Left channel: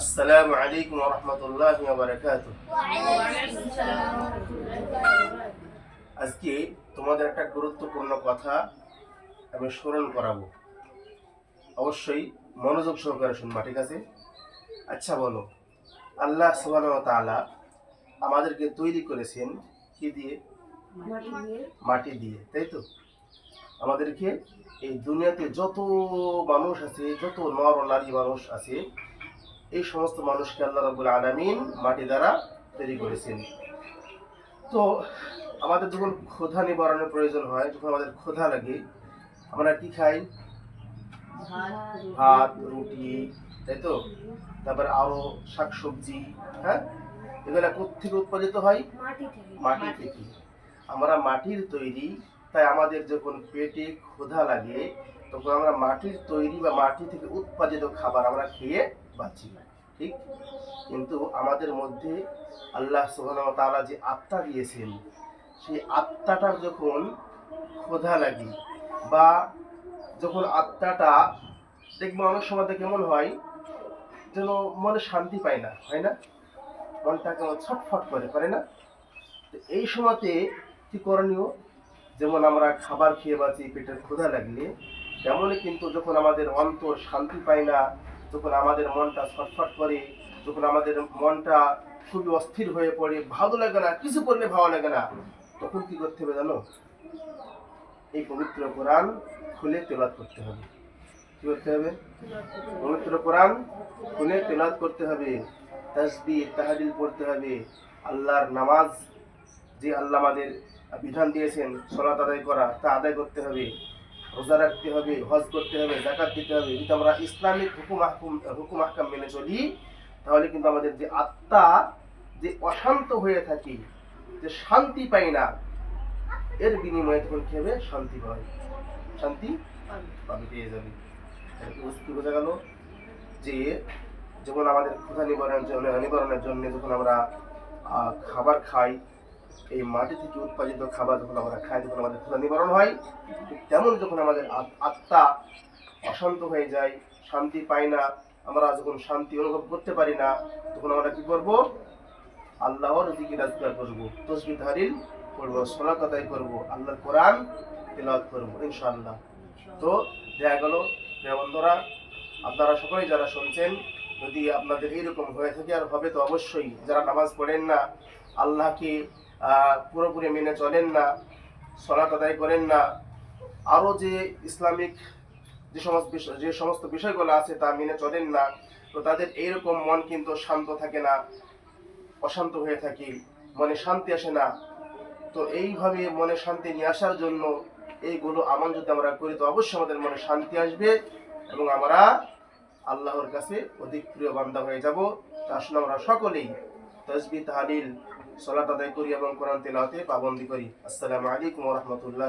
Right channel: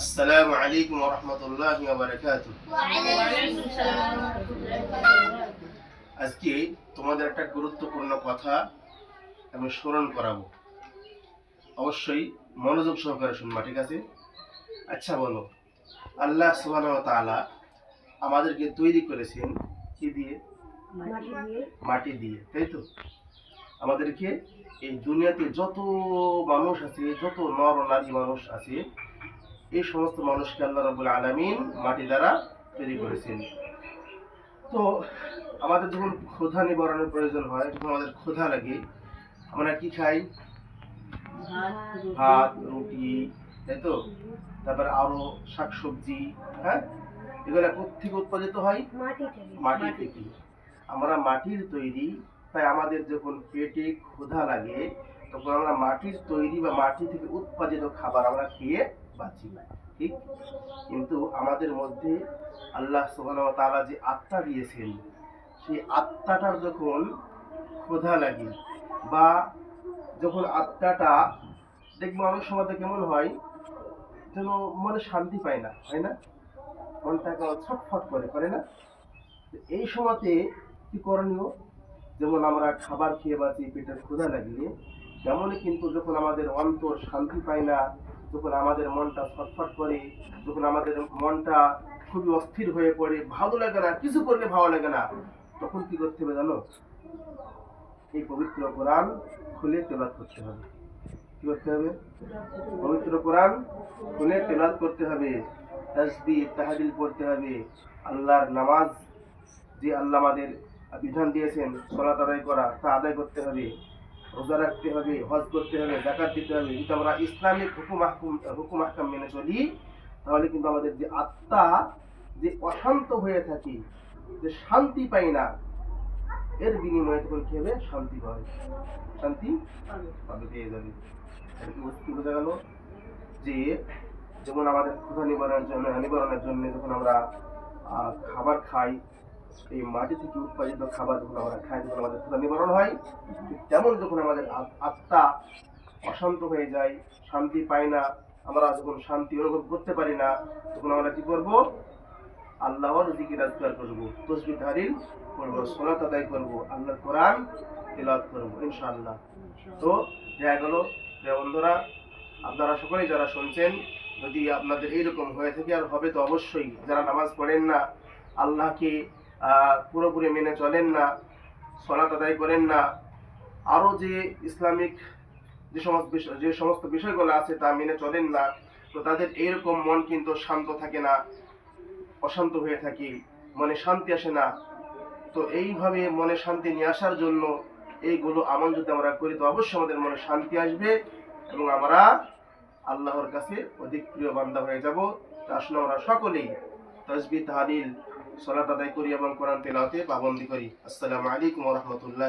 আসসালামু আলাইকুম রহমতুল্লাহ বারকাত আজকে তোমাদের একটা গুরুত্বপূর্ণ কথা আমি স্মরণ করাবো। অবশ্যই মনোযোগ সহকারে শুনবা ঠিক আছে? আচ্ছা বলো। আল্লাহ সুবহানাহু ওয়া তাআলা আমাদেরকে তৈরি করেছেন কি দিয়ে? মাটি দিয়ে। মাটি দিয়ে তাই তো? আমাদেরকে এই দুনিয়াতে যত মানুষ আছে যত নর নারী মানুষ আছে এই সমস্ত মানুষকে আল্লাহ রাব্বুল আলামিন মাটি দ্বারা তৈরি করেছেন। তো আমাদের যখন ক্ষুধা নিবারণের প্রয়োজন হয় যখন আমাদের ক্ষুধা লাগে আমরা কি খাই? ভাত রুটি তাই তো? তারপরে আরও শাকসবজি হ্যাঁ? এগুলা কোথেকে উৎপাদিত হয়? মাটি থেকে। আমরা মাটির তৈরি তাই আমাদের যখন পেটে ক্ষুধা লাগে, তখন আমরা মাটির তৈরি বা মাটি থেকে উৎপাদিত খাবার আমরা খেয়ে বাঁচি না, ঠিক? কিন্তু আমাদের মধ্যে আল্লাহ ওয়া তাআলা যে আত্মা দিয়েছেন, সেই আত্মাটার যখন ক্ষুধা লাগে বা যখন আত্মাটা দেখব অনেক সময় কেমন হয় যেন মনে শান্তি পায় না, হয় না? মনটা কেমন ছটফট করে করে না? এই সময়তে কি করণীয়? যেমন আমরা খাবার খেয়ে বাঁচি, পেটের ক্ষুধা লাগলে, তেমনই কিন্তু যখন আমাদের অন্তর শান্তি পায় না, যখন আমাদের মনটা ছটফট করে, যখন আমাদের মনটা খুবই অস্থির হয়ে পড়ে, ভালো লাগে না, কিছু করলে ভালো লাগে না, তখন কি করতে হবে জানো? এই পবিত্র কোরআন খুলে তেলাত করতে হবে। কি করতে হবে? পবিত্র কোরআন খুলে তেলাত করতে হবে। তাসবিহ তাহাদিল পড়তে হবে। আল্লাহর নামাজ, যে আল্লাহ আমাদের বিধান দিয়েছেন সলাত আদায় করা, তা আদায় করতে হবে, রোজা রাখতে হবে, হজ করতে হবে জাকাত দিতে হবে। যদি আমরা ইসলামিক হুকুম আহকুম হুকুম আহকাম মেনে চলি, তাহলে কিন্তু আমাদের যে আত্মা যে অশান্ত হয়ে থাকি, যে শান্তি পাই না, এর বিনিময়ে তখন কি হবে? শান্তি পাবে শান্তি পাবে, পেয়ে যাবে। কি বোঝা গেল? যে যেমন আমাদের ক্ষুধা নিবারণের জন্য নিবারণের জন্য যখন আমরা খাবার খাই এই মাটি থেকে উৎপাদিত খাবার যখন আমরা খাই, যখন আমাদের ক্ষুধা নিবারণ হয়, ঠিক তেমন যখন আমাদের আত্মা অশান্ত হয়ে যায়, শান্তি পাই না, আমরা যখন শান্তি অনুভব করতে পারি না, তখন আমরা কি করব? আল্লাহর জিকির আজকার করব, তসবি ধারিল করব, সোলাত আদায় করব, আল্লাহর কোরআন তেলাওয়াত করব, ইনশাআল্লাহ। তো দেখা গেল বন্ধুরা, আপনারা সকলেই যারা শুনছেন, যদি আপনাদের এইরকম হয়ে থাকে আর হবে, তো অবশ্যই যারা নামাজ পড়েন না, আল্লাহকে পুরোপুরি মেনে চলেন না সলাত আদায় করেন না। আরও যে ইসলামিক যে সমস্ত বিষয়, যে সমস্ত বিষয়গুলো আছে তা মেনে চলেন না, তো তাদের এইরকম মন কিন্তু শান্ত থাকে না, অশান্ত হয়ে থাকি, মনে শান্তি আসে না। তো এইভাবে মনে শান্তি নিয়ে আসার জন্য এইগুলো আমল যদি আমরা করি, তো অবশ্যই আমাদের মনে শান্তি আসবে এবং আমরা আল্লাহর কাছে অধিক প্রিয় বান্দা হয়ে যাব। তা আসলে আমরা সকলেই তসবি তাহালিল সলাত আদায় করি এবং কোরআন তেলাতে পাবন্দি করি। আসসালামু আলাইকুম রহমতুল্লাহ